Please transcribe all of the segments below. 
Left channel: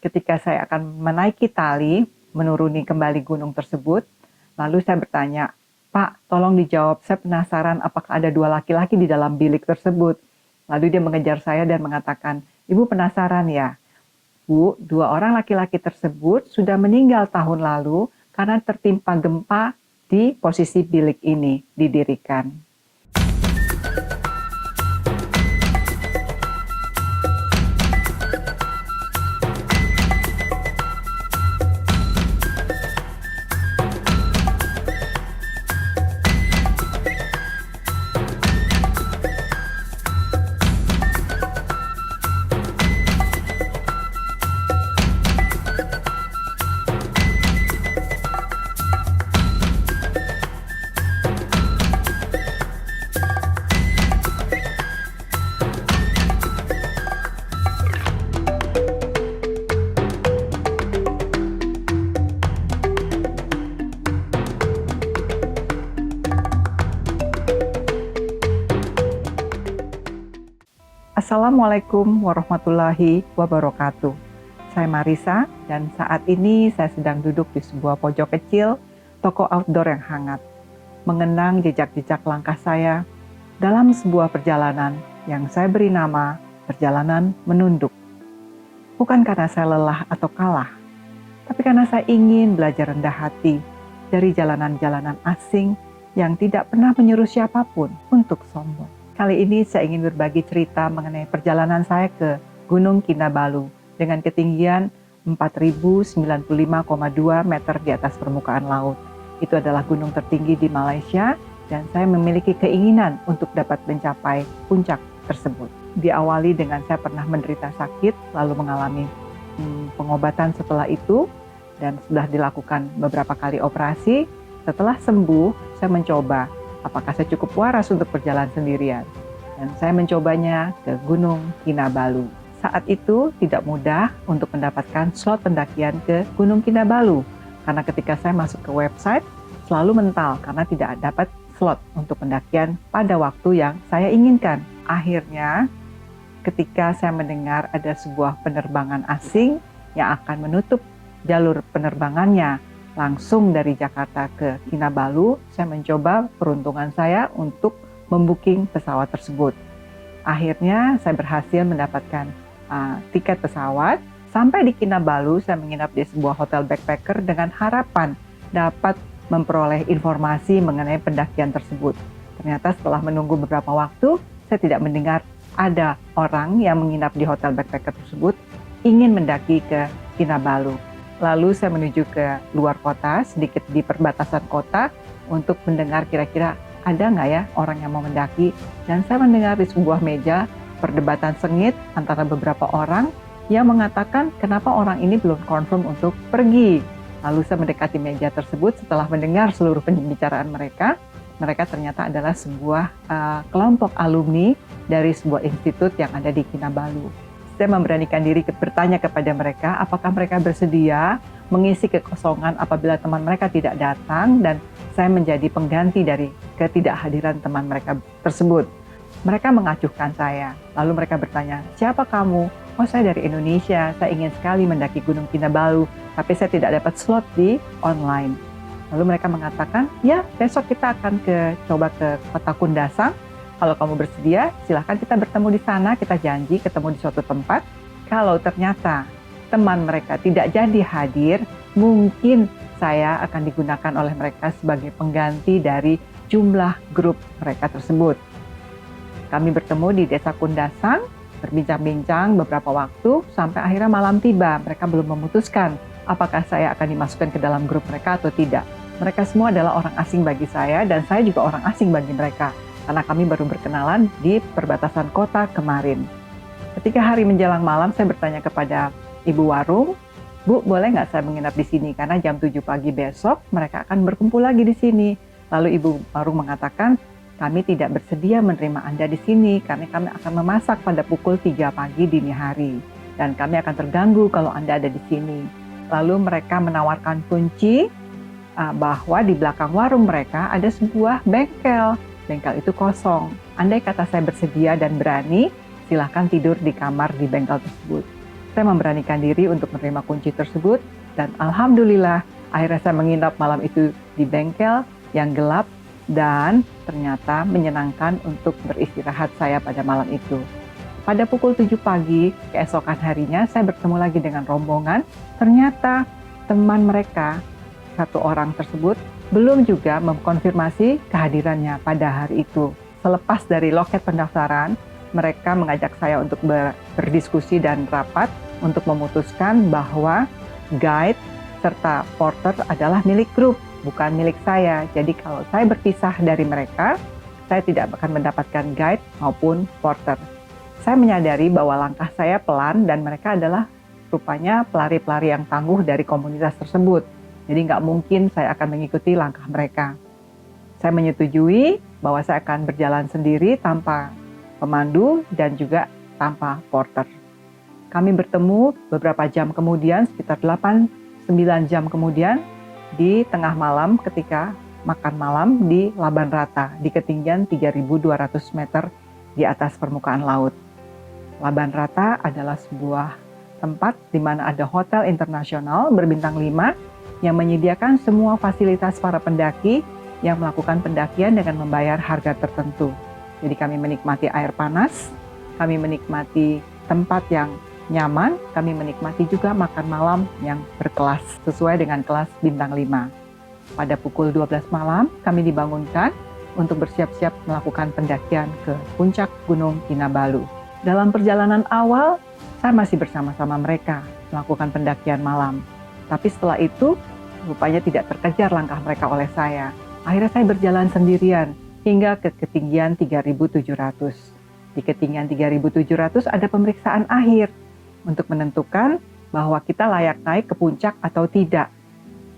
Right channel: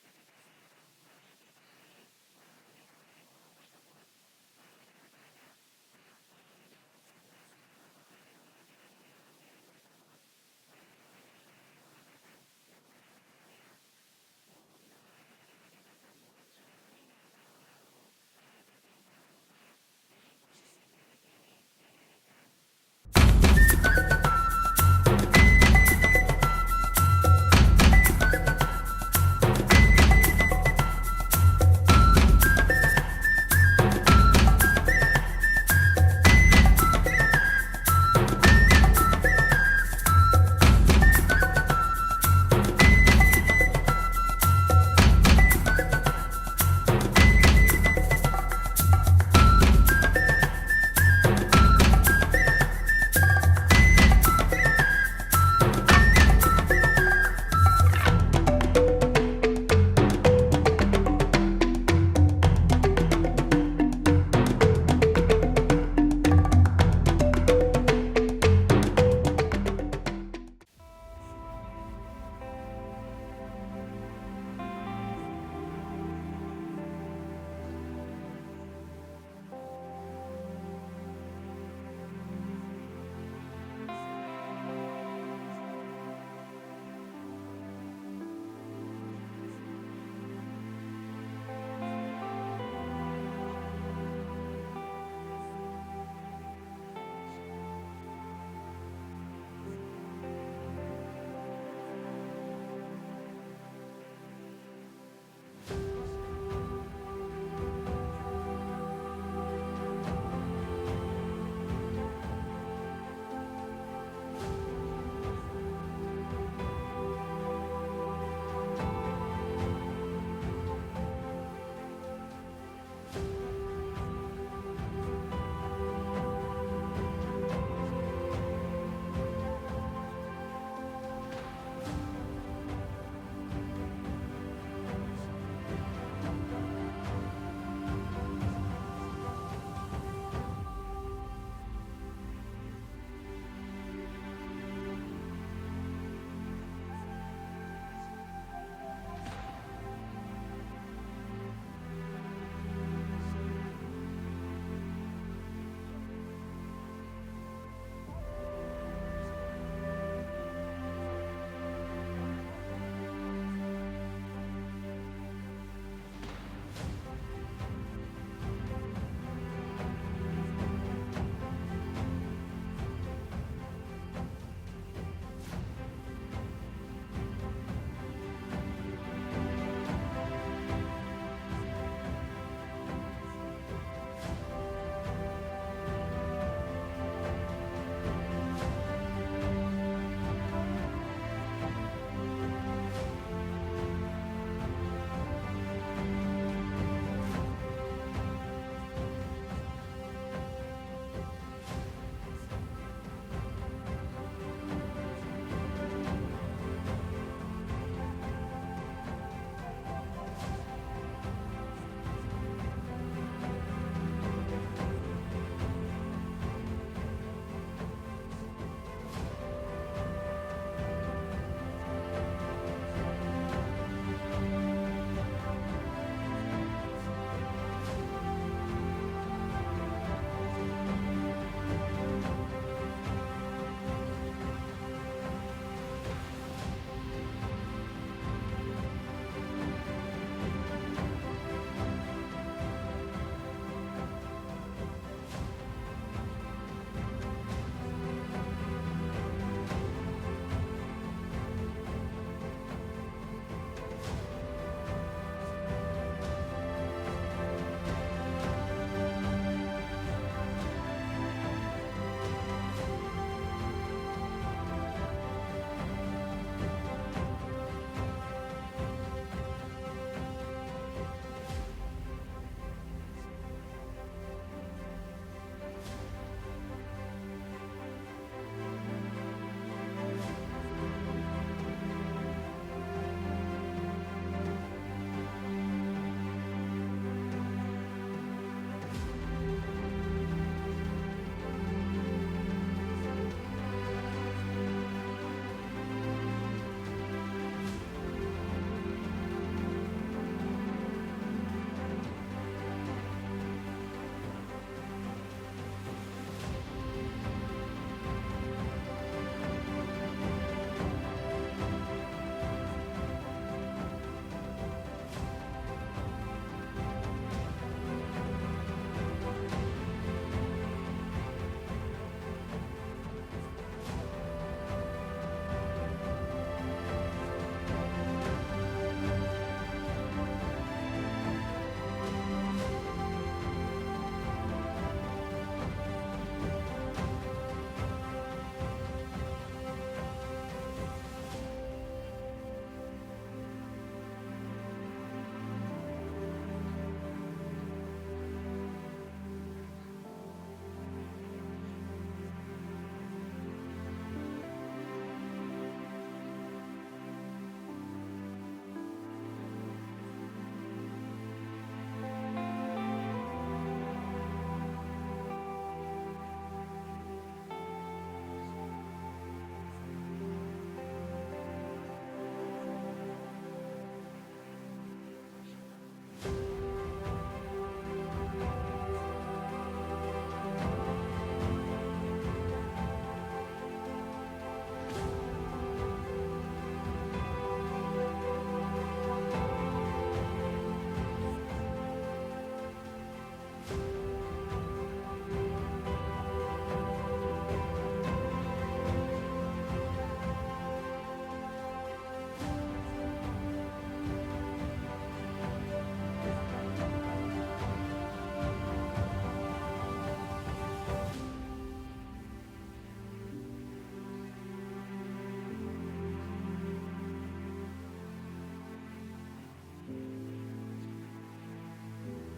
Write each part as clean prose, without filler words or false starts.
Ketika saya akan menaiki tali, menuruni kembali gunung tersebut, lalu saya bertanya, "Pak, tolong dijawab, saya penasaran apakah ada dua laki-laki di dalam bilik tersebut." Lalu dia mengejar saya dan mengatakan, "Ibu penasaran ya? Bu, dua orang laki-laki tersebut sudah meninggal tahun lalu karena tertimpa gempa di posisi bilik ini didirikan." Assalamualaikum warahmatullahi wabarakatuh. Saya Marisa dan saat ini saya sedang duduk di sebuah pojok kecil, toko outdoor yang hangat, mengenang jejak-jejak langkah saya dalam sebuah perjalanan yang saya beri nama perjalanan menunduk. Bukan karena saya lelah atau kalah, tapi karena saya ingin belajar rendah hati dari jalanan-jalanan asing yang tidak pernah menyuruh siapapun untuk sombong. Kali ini saya ingin berbagi cerita mengenai perjalanan saya ke Gunung Kinabalu dengan ketinggian 4.095,2 meter di atas permukaan laut. Itu adalah gunung tertinggi di Malaysia dan saya memiliki keinginan untuk dapat mencapai puncak tersebut. Diawali dengan saya pernah menderita sakit lalu mengalami pengobatan setelah itu dan sudah dilakukan beberapa kali operasi. Setelah sembuh, saya mencoba apakah saya cukup waras untuk berjalan sendirian. Dan saya mencobanya ke Gunung Kinabalu. Saat itu tidak mudah untuk mendapatkan slot pendakian ke Gunung Kinabalu. Karena ketika saya masuk ke website, selalu mental karena tidak dapat slot untuk pendakian pada waktu yang saya inginkan. Akhirnya, ketika saya mendengar ada sebuah penerbangan asing yang akan menutup jalur penerbangannya langsung dari Jakarta ke Kinabalu, saya mencoba peruntungan saya untuk membooking pesawat tersebut. Akhirnya saya berhasil mendapatkan tiket pesawat. Sampai di Kinabalu, saya menginap di sebuah hotel backpacker dengan harapan dapat memperoleh informasi mengenai pendakian tersebut. Ternyata setelah menunggu beberapa waktu, saya tidak mendengar ada orang yang menginap di hotel backpacker tersebut ingin mendaki ke Kinabalu. Lalu saya menuju ke luar kota, sedikit di perbatasan kota, untuk mendengar kira-kira ada nggak ya orang yang mau mendaki. Dan saya mendengar di sebuah meja perdebatan sengit antara beberapa orang yang mengatakan kenapa orang ini belum confirm untuk pergi. Lalu saya mendekati meja tersebut setelah mendengar seluruh pembicaraan mereka. Mereka ternyata adalah sebuah kelompok alumni dari sebuah institut yang ada di Kinabalu. Saya memberanikan diri bertanya kepada mereka apakah mereka bersedia mengisi kekosongan apabila teman mereka tidak datang dan saya menjadi pengganti dari ketidakhadiran teman mereka tersebut. Mereka mengacuhkan saya, lalu mereka bertanya, "Siapa kamu?" "Oh, saya dari Indonesia, saya ingin sekali mendaki Gunung Kinabalu, tapi saya tidak dapat slot di online." Lalu mereka mengatakan, "Ya, besok kita akan coba ke Kota Kundasang. Kalau kamu bersedia, silahkan kita bertemu di sana, kita janji ketemu di suatu tempat." Kalau ternyata teman mereka tidak jadi hadir, mungkin saya akan digunakan oleh mereka sebagai pengganti dari jumlah grup mereka tersebut. Kami bertemu di Desa Kundasang, berbincang-bincang beberapa waktu, sampai akhirnya malam tiba. Mereka belum memutuskan apakah saya akan dimasukkan ke dalam grup mereka atau tidak. Mereka semua adalah orang asing bagi saya, dan saya juga orang asing bagi mereka. Karena kami baru berkenalan di perbatasan kota kemarin. Ketika hari menjelang malam, saya bertanya kepada ibu warung, "Bu, boleh nggak saya menginap di sini? Karena jam 7 pagi besok mereka akan berkumpul lagi di sini." Lalu ibu warung mengatakan, "Kami tidak bersedia menerima Anda di sini karena kami akan memasak pada pukul 3 pagi dini hari. Dan kami akan terganggu kalau Anda ada di sini." Lalu mereka menawarkan kunci bahwa di belakang warung mereka ada sebuah bengkel. Bengkel itu kosong. Andai kata saya bersedia dan berani, silahkan tidur di kamar di bengkel tersebut. Saya memberanikan diri untuk menerima kunci tersebut, dan alhamdulillah akhirnya saya menginap malam itu di bengkel yang gelap dan ternyata menyenangkan untuk beristirahat saya pada malam itu. Pada pukul 7 pagi, keesokan harinya saya bertemu lagi dengan rombongan. Ternyata teman mereka, satu orang tersebut, belum juga mengkonfirmasi kehadirannya pada hari itu. Selepas dari loket pendaftaran, mereka mengajak saya untuk berdiskusi dan rapat untuk memutuskan bahwa guide serta porter adalah milik grup, bukan milik saya. Jadi kalau saya berpisah dari mereka, saya tidak akan mendapatkan guide maupun porter. Saya menyadari bahwa langkah saya pelan dan mereka adalah rupanya pelari-pelari yang tangguh dari komunitas tersebut. Jadi nggak mungkin saya akan mengikuti langkah mereka. Saya menyetujui bahwa saya akan berjalan sendiri tanpa pemandu dan juga tanpa porter. Kami bertemu beberapa jam kemudian, sekitar 8-9 jam kemudian, di tengah malam ketika makan malam di Laban Rata, di ketinggian 3.200 meter di atas permukaan laut. Laban Rata adalah sebuah tempat di mana ada hotel internasional berbintang 5 yang menyediakan semua fasilitas para pendaki yang melakukan pendakian dengan membayar harga tertentu. Jadi kami menikmati air panas, kami menikmati tempat yang nyaman, kami menikmati juga makan malam yang berkelas sesuai dengan kelas bintang 5. Pada pukul 12 malam kami dibangunkan untuk bersiap-siap melakukan pendakian ke puncak Gunung Kinabalu. Dalam perjalanan awal, saya masih bersama-sama mereka melakukan pendakian malam. Tapi setelah itu, rupanya tidak terkejar langkah mereka oleh saya. Akhirnya saya berjalan sendirian hingga ke ketinggian 3.700. Di ketinggian 3.700 ada pemeriksaan akhir untuk menentukan bahwa kita layak naik ke puncak atau tidak.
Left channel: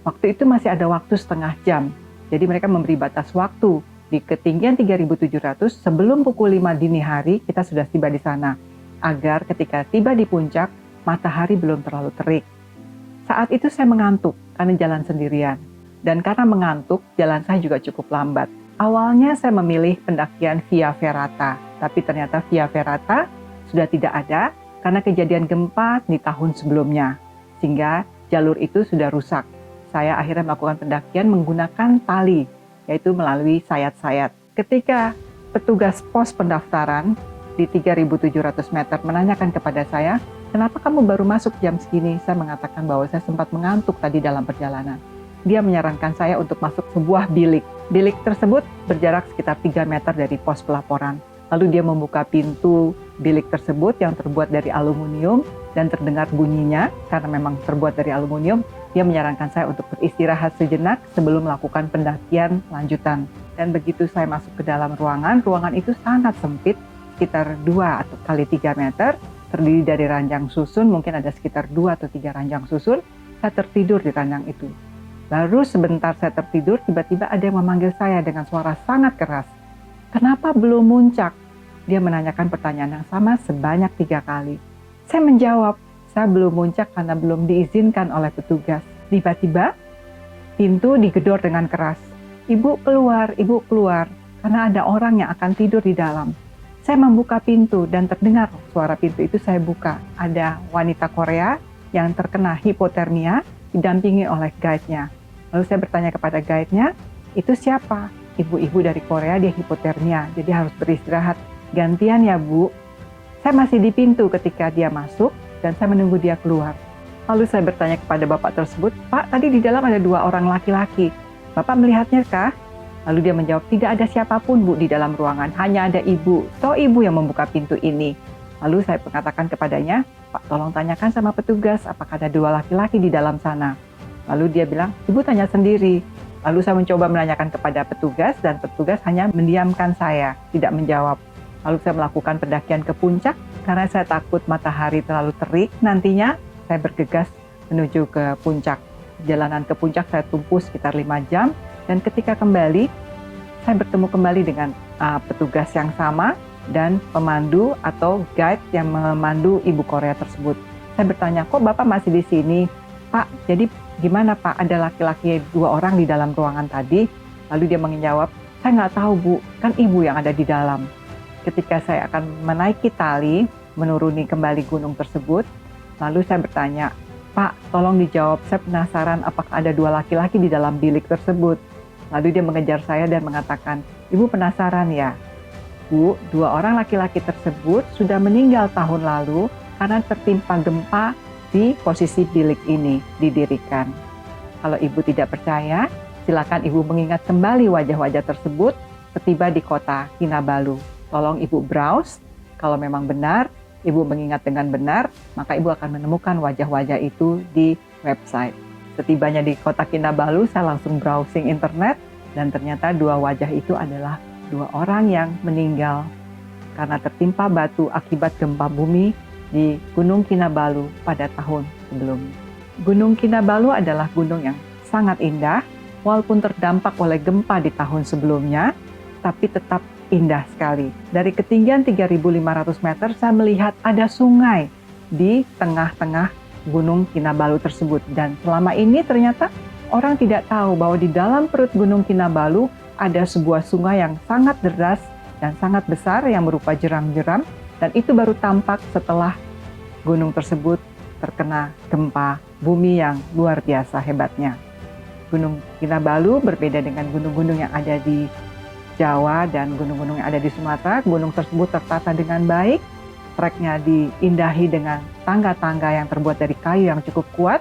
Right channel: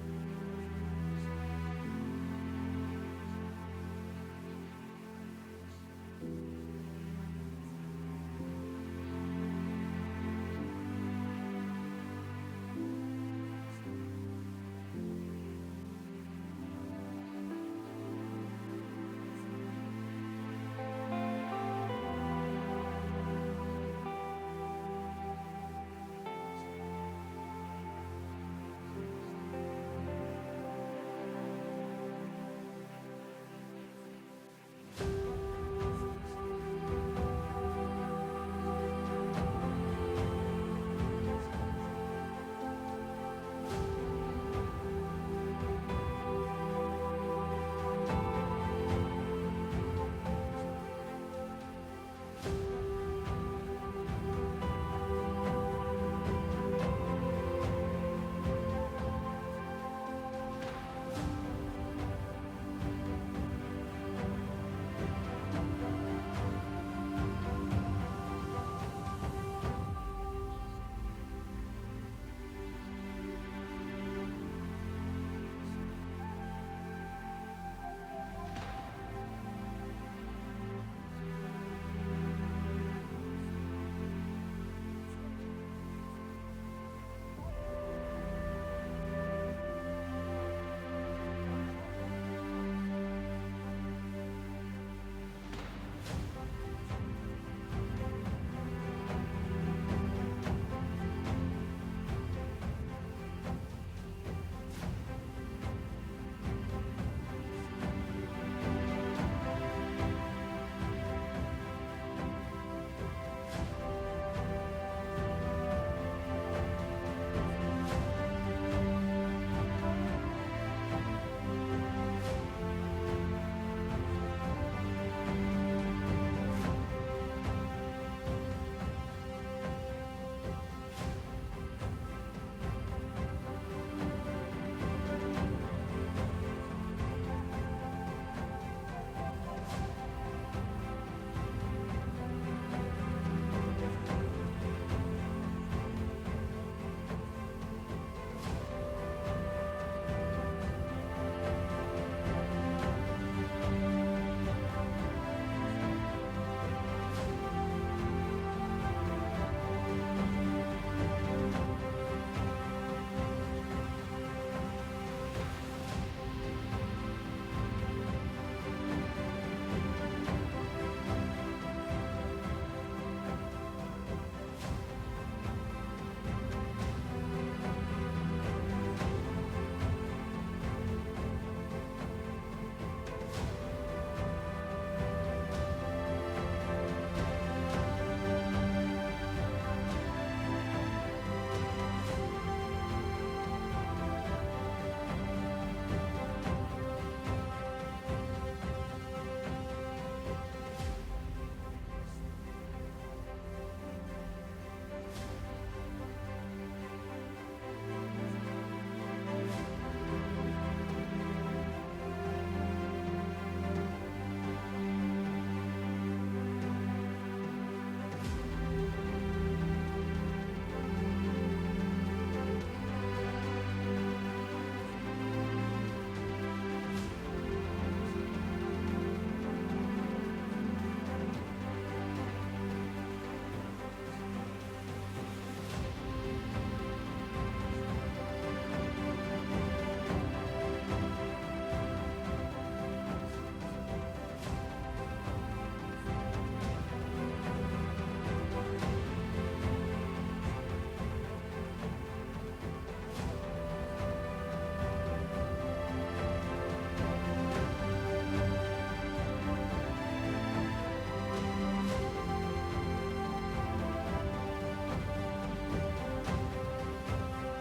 Waktu itu masih ada waktu setengah jam, jadi mereka memberi batas waktu. Di ketinggian 3.700 sebelum pukul 5 dini hari kita sudah tiba di sana, agar ketika tiba di puncak, matahari belum terlalu terik. Saat itu saya mengantuk karena jalan sendirian, dan karena mengantuk, jalan saya juga cukup lambat. Awalnya saya memilih pendakian Via Ferrata, tapi ternyata Via Ferrata sudah tidak ada karena kejadian gempa di tahun sebelumnya, sehingga jalur itu sudah rusak. Saya akhirnya melakukan pendakian menggunakan tali, yaitu melalui sayat-sayat. Ketika petugas pos pendaftaran di 3.700 meter menanyakan kepada saya, kenapa kamu baru masuk jam segini? Saya mengatakan bahwa saya sempat mengantuk tadi dalam perjalanan. Dia menyarankan saya untuk masuk sebuah bilik. Bilik tersebut berjarak sekitar 3 meter dari pos pelaporan. Lalu dia membuka pintu bilik tersebut yang terbuat dari aluminium dan terdengar bunyinya karena memang terbuat dari aluminium. Dia menyarankan saya untuk beristirahat sejenak sebelum melakukan pendakian lanjutan. Dan begitu saya masuk ke dalam ruangan itu sangat sempit, sekitar 2 atau kali 3 meter, terdiri dari ranjang susun, mungkin ada sekitar 2 atau 3 ranjang susun. Saya tertidur di ranjang itu. Baru sebentar saya tertidur, tiba-tiba ada yang memanggil saya dengan suara sangat keras. Kenapa belum muncak? Dia menanyakan pertanyaan yang sama sebanyak 3 kali. Saya menjawab, saya belum muncak karena belum diizinkan oleh petugas. Tiba-tiba, pintu digedor dengan keras. Ibu keluar, karena ada orang yang akan tidur di dalam. Saya membuka pintu dan terdengar suara pintu itu saya buka. Ada wanita Korea yang terkena hipotermia, didampingi oleh guide-nya. Lalu saya bertanya kepada guide-nya, itu siapa? Ibu-ibu dari Korea, dia hipotermia, jadi harus beristirahat. Gantian ya Bu. Saya masih di pintu ketika dia masuk dan saya menunggu dia keluar. Lalu saya bertanya kepada bapak tersebut, Pak, tadi di dalam ada 2 orang laki-laki. Bapak melihatnya kah? Lalu dia menjawab, tidak ada siapapun Bu di dalam ruangan, hanya ada ibu. So ibu yang membuka pintu ini. Lalu saya mengatakan kepadanya, Pak, tolong tanyakan sama petugas apakah ada 2 laki-laki di dalam sana. Lalu dia bilang, ibu tanya sendiri. Lalu saya mencoba menanyakan kepada petugas dan petugas hanya mendiamkan saya, tidak menjawab. Lalu saya melakukan pendakian ke puncak karena saya takut matahari terlalu terik. Nantinya saya bergegas menuju ke puncak. Jalanan ke puncak saya tempuh sekitar 5 jam dan ketika kembali, saya bertemu kembali dengan petugas yang sama dan pemandu atau guide yang memandu ibu Korea tersebut. Saya bertanya, kok Bapak masih di sini? Pak, jadi gimana Pak, ada laki-laki 2 orang di dalam ruangan tadi? Lalu dia menjawab, saya nggak tahu Bu, kan ibu yang ada di dalam. Ketika saya akan menaiki tali, menuruni kembali gunung tersebut, Lalu saya bertanya, "Pak, tolong dijawab, saya penasaran apakah ada 2 laki-laki di dalam bilik tersebut?" Lalu dia mengejar saya dan mengatakan, "Ibu penasaran ya? Bu, 2 orang laki-laki tersebut sudah meninggal tahun lalu karena tertimpa gempa di posisi bilik ini didirikan. Kalau ibu tidak percaya, silakan ibu mengingat kembali wajah-wajah tersebut setiba di kota Kinabalu. Tolong ibu browse, kalau memang benar, ibu mengingat dengan benar, maka ibu akan menemukan wajah-wajah itu di website." Setibanya di kota Kinabalu, saya langsung browsing internet, dan ternyata 2 wajah itu adalah 2 orang yang meninggal karena tertimpa batu akibat gempa bumi di Gunung Kinabalu pada tahun sebelumnya. Gunung Kinabalu adalah gunung yang sangat indah, walaupun terdampak oleh gempa di tahun sebelumnya, tapi tetap indah sekali. Dari ketinggian 3.500 meter, saya melihat ada sungai di tengah-tengah Gunung Kinabalu tersebut. Dan selama ini ternyata orang tidak tahu bahwa di dalam perut Gunung Kinabalu ada sebuah sungai yang sangat deras dan sangat besar yang berupa jeram-jeram, dan itu baru tampak setelah gunung tersebut terkena gempa bumi yang luar biasa hebatnya. Gunung Kinabalu berbeda dengan gunung-gunung yang ada di Jawa dan gunung-gunung yang ada di Sumatera. Gunung tersebut tertata dengan baik, treknya diindahi dengan tangga-tangga yang terbuat dari kayu yang cukup kuat,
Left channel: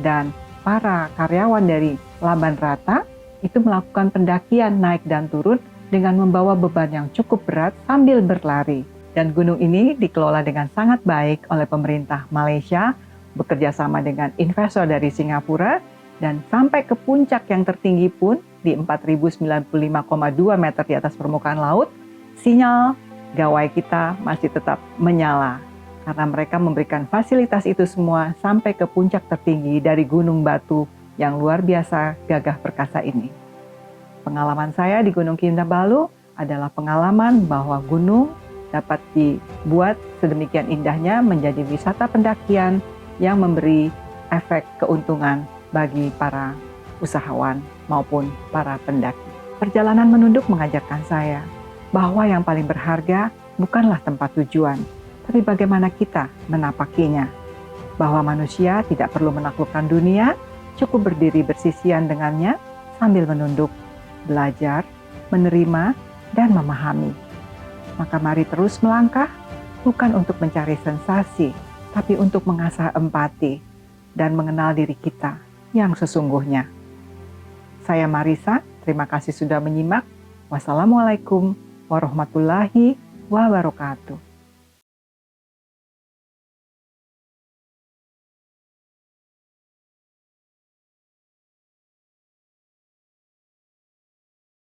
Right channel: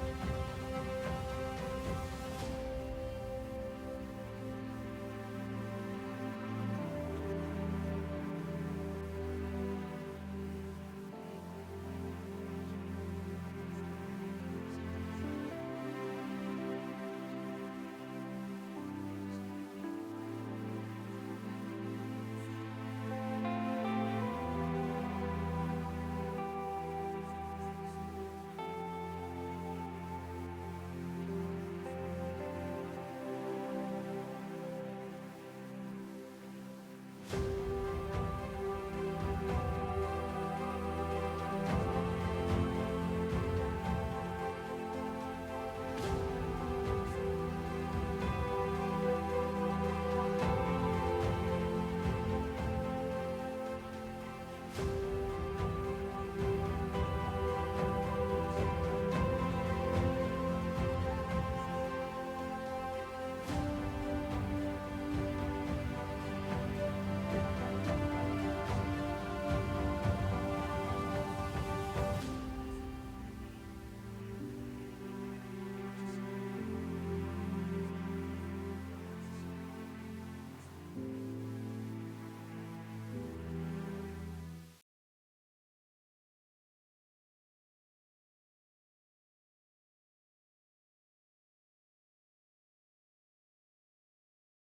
dan para karyawan dari Laban Rata itu melakukan pendakian naik dan turun dengan membawa beban yang cukup berat sambil berlari. Dan gunung ini dikelola dengan sangat baik oleh pemerintah Malaysia, bekerja sama dengan investor dari Singapura, dan sampai ke puncak yang tertinggi pun di 4.095,2 meter di atas permukaan laut, sinyal gawai kita masih tetap menyala. Karena mereka memberikan fasilitas itu semua sampai ke puncak tertinggi dari gunung batu yang luar biasa gagah perkasa ini. Pengalaman saya di Gunung Kinabalu adalah pengalaman bahwa gunung dapat dibuat sedemikian indahnya menjadi wisata pendakian yang memberi efek keuntungan bagi para usahawan maupun para pendaki. Perjalanan menunduk mengajarkan saya bahwa yang paling berharga bukanlah tempat tujuan, tapi bagaimana kita menapakinya. Bahwa manusia tidak perlu menaklukkan dunia, cukup berdiri bersisian dengannya sambil menunduk, belajar, menerima, dan memahami. Maka mari terus melangkah, bukan untuk mencari sensasi, tapi untuk mengasah empati dan mengenal diri kita yang sesungguhnya. Saya Marisa, terima kasih sudah menyimak. Wassalamualaikum warahmatullahi wabarakatuh.